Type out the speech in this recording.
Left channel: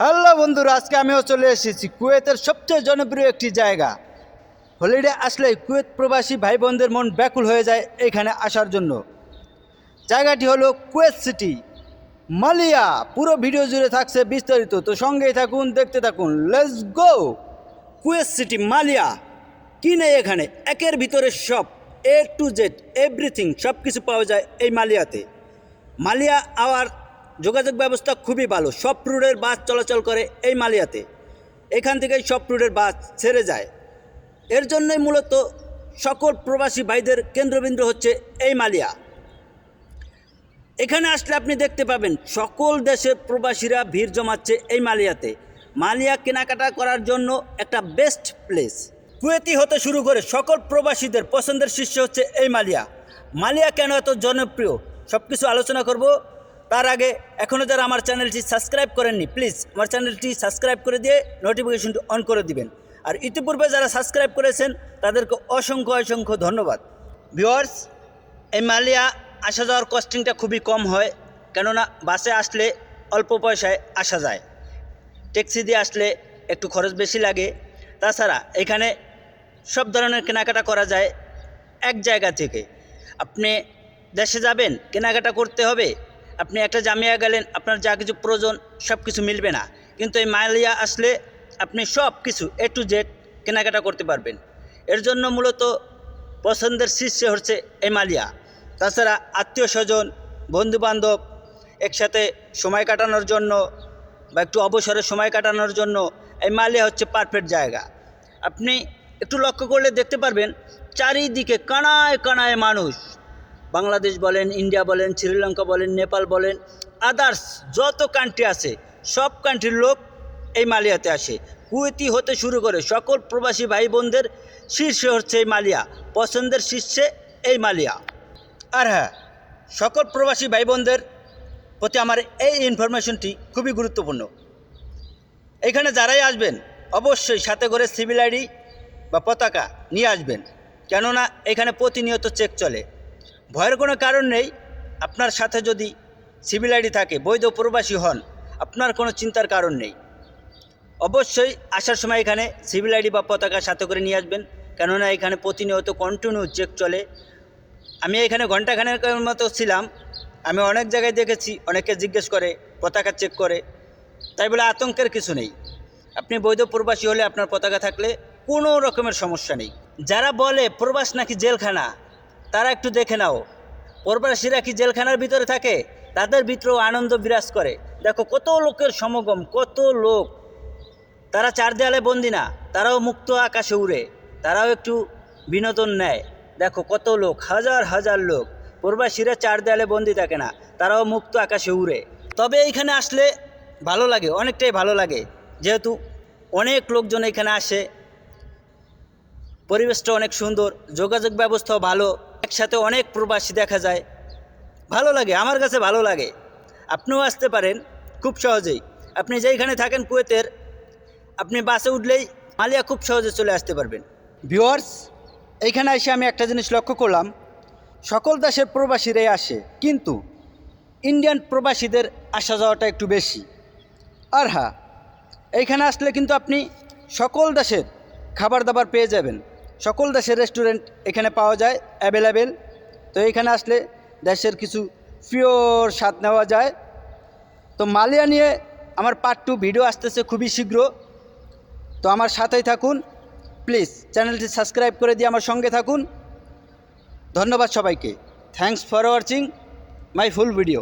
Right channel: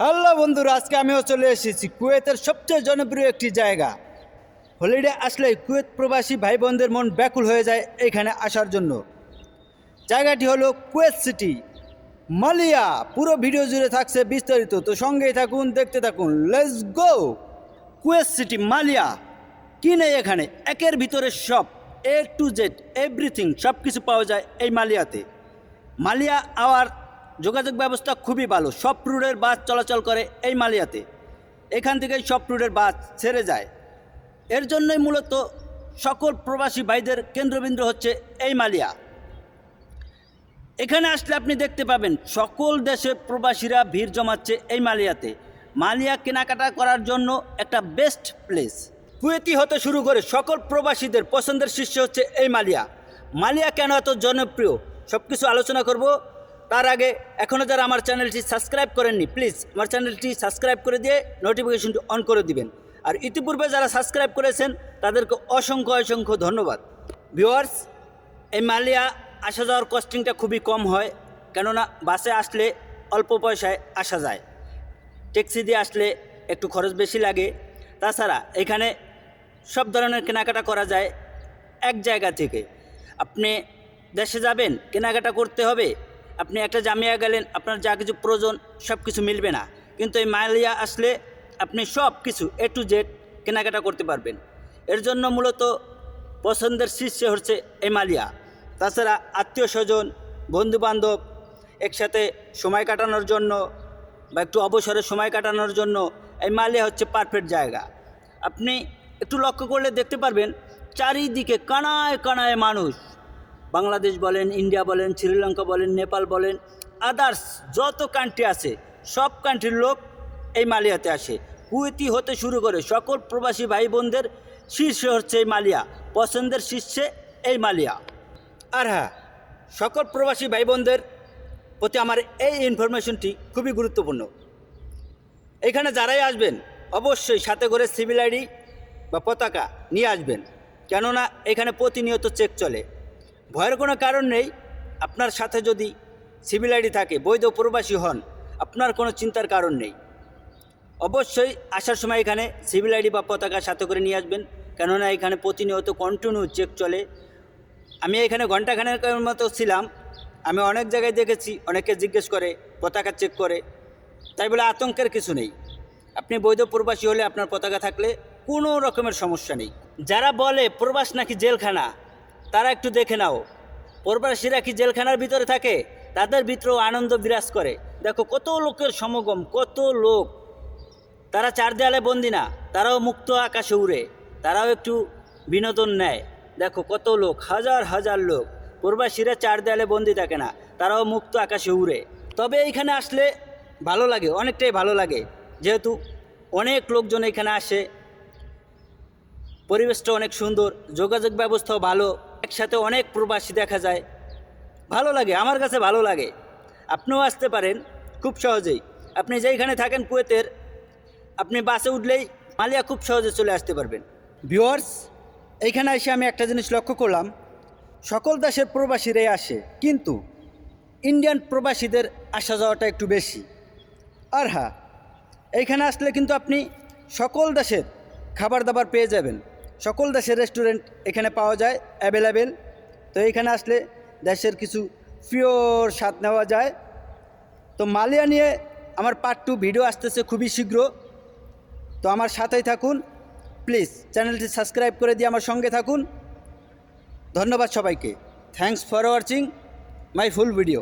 Hello বন্ধুরা, আজকে আমিও চলে এসেছি কুয়েতের সবচেয়ে জনপ্রিয় একটি জায়গা। হলিডে আসলে কুয়েত প্রবাসী ভাই বোনদের মন ব্যাকুল হয়ে যায় এখানে আসার জন্য। জায়গাটি হলো কুয়েত সিটি। মালিয়া, পুরো ভিডিও জুড়ে থাকছে বিস্তারিত। তো সঙ্গেই থাকুন, দেখতে থাকুন। লেটস গো কুয়েত সিটি, মালিয়া। কি নেই এখানে? একের ভিতরে সব এ টু জেড এভরিথিং সব কিছু পাওয়া যায় এই মালিয়াতে। মালিয়া আওয়ার যোগাযোগ ব্যবস্থা খুবই ভালো। সব রুটের বাস চলাচল করে এই মালিয়াতে। এখান থেকেই সব রুটের বাস ছেড়ে যায়। এর জন্যই মূলত সকল প্রবাসী ভাইদের কেন্দ্রবিন্দু হচ্ছে এই মালিয়া। এখানে আসলে আপনি দেখতে পাবেন, সকল দেশের প্রবাসীরা ভিড় জমাচ্ছে এই মালিয়াতে। মালিয়া কেনাকাটা করার জন্য একটা বেস্ট প্লেস। কুয়েতি হতে শুরু করে সকল প্রবাসীদের পছন্দের শীর্ষে হচ্ছে এই মালিয়া। মালিয়া কেন এত জনপ্রিয়? সব কিছু আলোচনা করব। তার আগে এখনও যারা আমার চ্যানেলটি সাবস্ক্রাইব করেননি প্লিজ আমার চ্যানেলটি সাবস্ক্রাইব করে দিয়ে নোটিফিকেশনটি অন করে দিবেন। আর ইতিপূর্বে যারা সাবস্ক্রাইব করেছেন, তাদেরকে অসংখ্য অসংখ্য ধন্যবাদ। ভিওয়ার্স এই মালিয়া আসা যাওয়ার কস্টিংটা খুবই কম হয়, কেননা বাসে আসলে অল্প পয়সায় আসা যায়। ট্যাক্সি দিয়ে আসলে একটু খরচ বেশি লাগে। তাছাড়া এখানে সব ধরনের কেনাকাটা করা যায় এক জায়গা থেকে। আপনি দেশে যাবেন, কেনাকাটা করতে হবে আপনি একটা জামিয়া গেলেন, আপনার যা কিছু প্রয়োজন সব কিছু মিলবে না। কিন্তু এই মালিয়া আসলে আপনি সব কিছু এ টু জেড কেনাকাটা করতে পারবেন। এর জন্য মূলত পছন্দের শীর্ষে হচ্ছে এই মালিয়া তাছাড়া আত্মীয় স্বজন, বন্ধুবান্ধব একসাথে সময় কাটানোর জন্য বা একটু অবসরে সময় কাটানোর জন্য এই মালিয়া হচ্ছে পারফেক্ট জায়গা। আপনি একটু লক্ষ্য করলে দেখতে পারবেন, চারিদিকে কানায় কানায় মানুষ। বাংলাদেশ বলেন, ইন্ডিয়া বলেন, শ্রীলঙ্কা বলেন, নেপাল বলেন আদার্স যত কান্ট্রি আছে, সব কান্ট্রির লোক এই মালিয়াতে আসে। কুয়েতি হতে শুরু করে সকল প্রবাসী ভাই বোনদের শীর্ষে হচ্ছে এই মালিয়া, পছন্দের শীর্ষে এই মালিয়া। আর হ্যাঁ সকল প্রবাসী ভাই বোনদের প্রতি আমার এই ইনফরমেশনটি খুবই গুরুত্বপূর্ণ। এখানে যারাই আসবেন, অবশ্যই সাথে করে সিভিল আইডি বা পতাকা নিয়ে আসবেন। কেননা এখানে প্রতিনিয়ত চেক চলে। ভয়ের কোনো কারণ নেই। আপনার সাথে যদি সিভিল আইডি থাকে, বৈধ প্রবাসী হন, আপনার কোনো চিন্তার কারণ নেই। অবশ্যই আসার সময় এখানে সিভিল আইডি বা পতাকা সাথে করে নিয়ে আসবেন। কেননা এখানে প্রতিনিয়ত কন্টিনিউ চেক চলে। আমি এখানে ঘন্টাখানেক মতো ছিলাম। আমি অনেক জায়গায় দেখেছি, অনেকে জিজ্ঞেস করে, পতাকা চেক করে। তাই বলে আতঙ্কের কিছু নেই। আপনি বৈধ প্রবাসী হলে আপনার পতাকা থাকলে কোনো রকমের সমস্যা নেই। যারা বলে, প্রবাস নাকি জেলখানা? তারা একটু দেখে নাও। প্রবাসীরা কি জেলখানার ভিতরে থাকে? তাদের ভিতরেও আনন্দ বিরাজ করে। দেখো, কত লোকের সমাগম, কত লোক। তারা চার দেয়ালে বন্দি না, তারাও মুক্ত আকাশে উড়ে। তারাও একটু বিনোদন নেয়। দেখো, কত লোক, হাজার হাজার লোক। প্রবাসীরা চার দেয়ালে বন্দি থাকে না, তারাও মুক্ত আকাশে উড়ে। তবে এইখানে আসলে ভালো লাগে, অনেকটাই ভালো লাগে। যেহেতু অনেক লোকজন এখানে আসে পরিবেশটা অনেক সুন্দর, যোগাযোগ ব্যবস্থাও ভালো। একসাথে অনেক প্রবাসী দেখা যায়। ভালো লাগে, আমার কাছে ভালো লাগে। আপনিও আসতে পারেন, খুব সহজেই। আপনি যেইখানে থাকেন কুয়েতের, আপনি বাসে উঠলেই মালিয়া খুব সহজে চলে আসতে পারবেন। ভিওয়ার্স এইখানে এসে আমি একটা জিনিস লক্ষ্য করলাম। সকল দেশের প্রবাসীরাই আসে, কিন্তু ইন্ডিয়ান প্রবাসীদের আসা যাওয়াটা একটু বেশি। আর হ্যাঁ এইখানে আসলে কিন্তু আপনি সকল দেশের খাবার দাবার পেয়ে যাবেন। সকল দেশের রেস্টুরেন্ট এখানে পাওয়া যায় অ্যাভেলেবেল তো এখানে আসলে দেশের কিছু পিওর স্বাদ নেওয়া যায়। তো মালিয়া নিয়ে আমার পার্ট টু ভিডিও আসতেছে খুবই শীঘ্র। তো আমার সাথেই থাকুন। প্লিজ চ্যানেলটি সাবস্ক্রাইব করে দিয়ে আমার সঙ্গে থাকুন। ধন্যবাদ সবাইকে। Thanks for watching my full video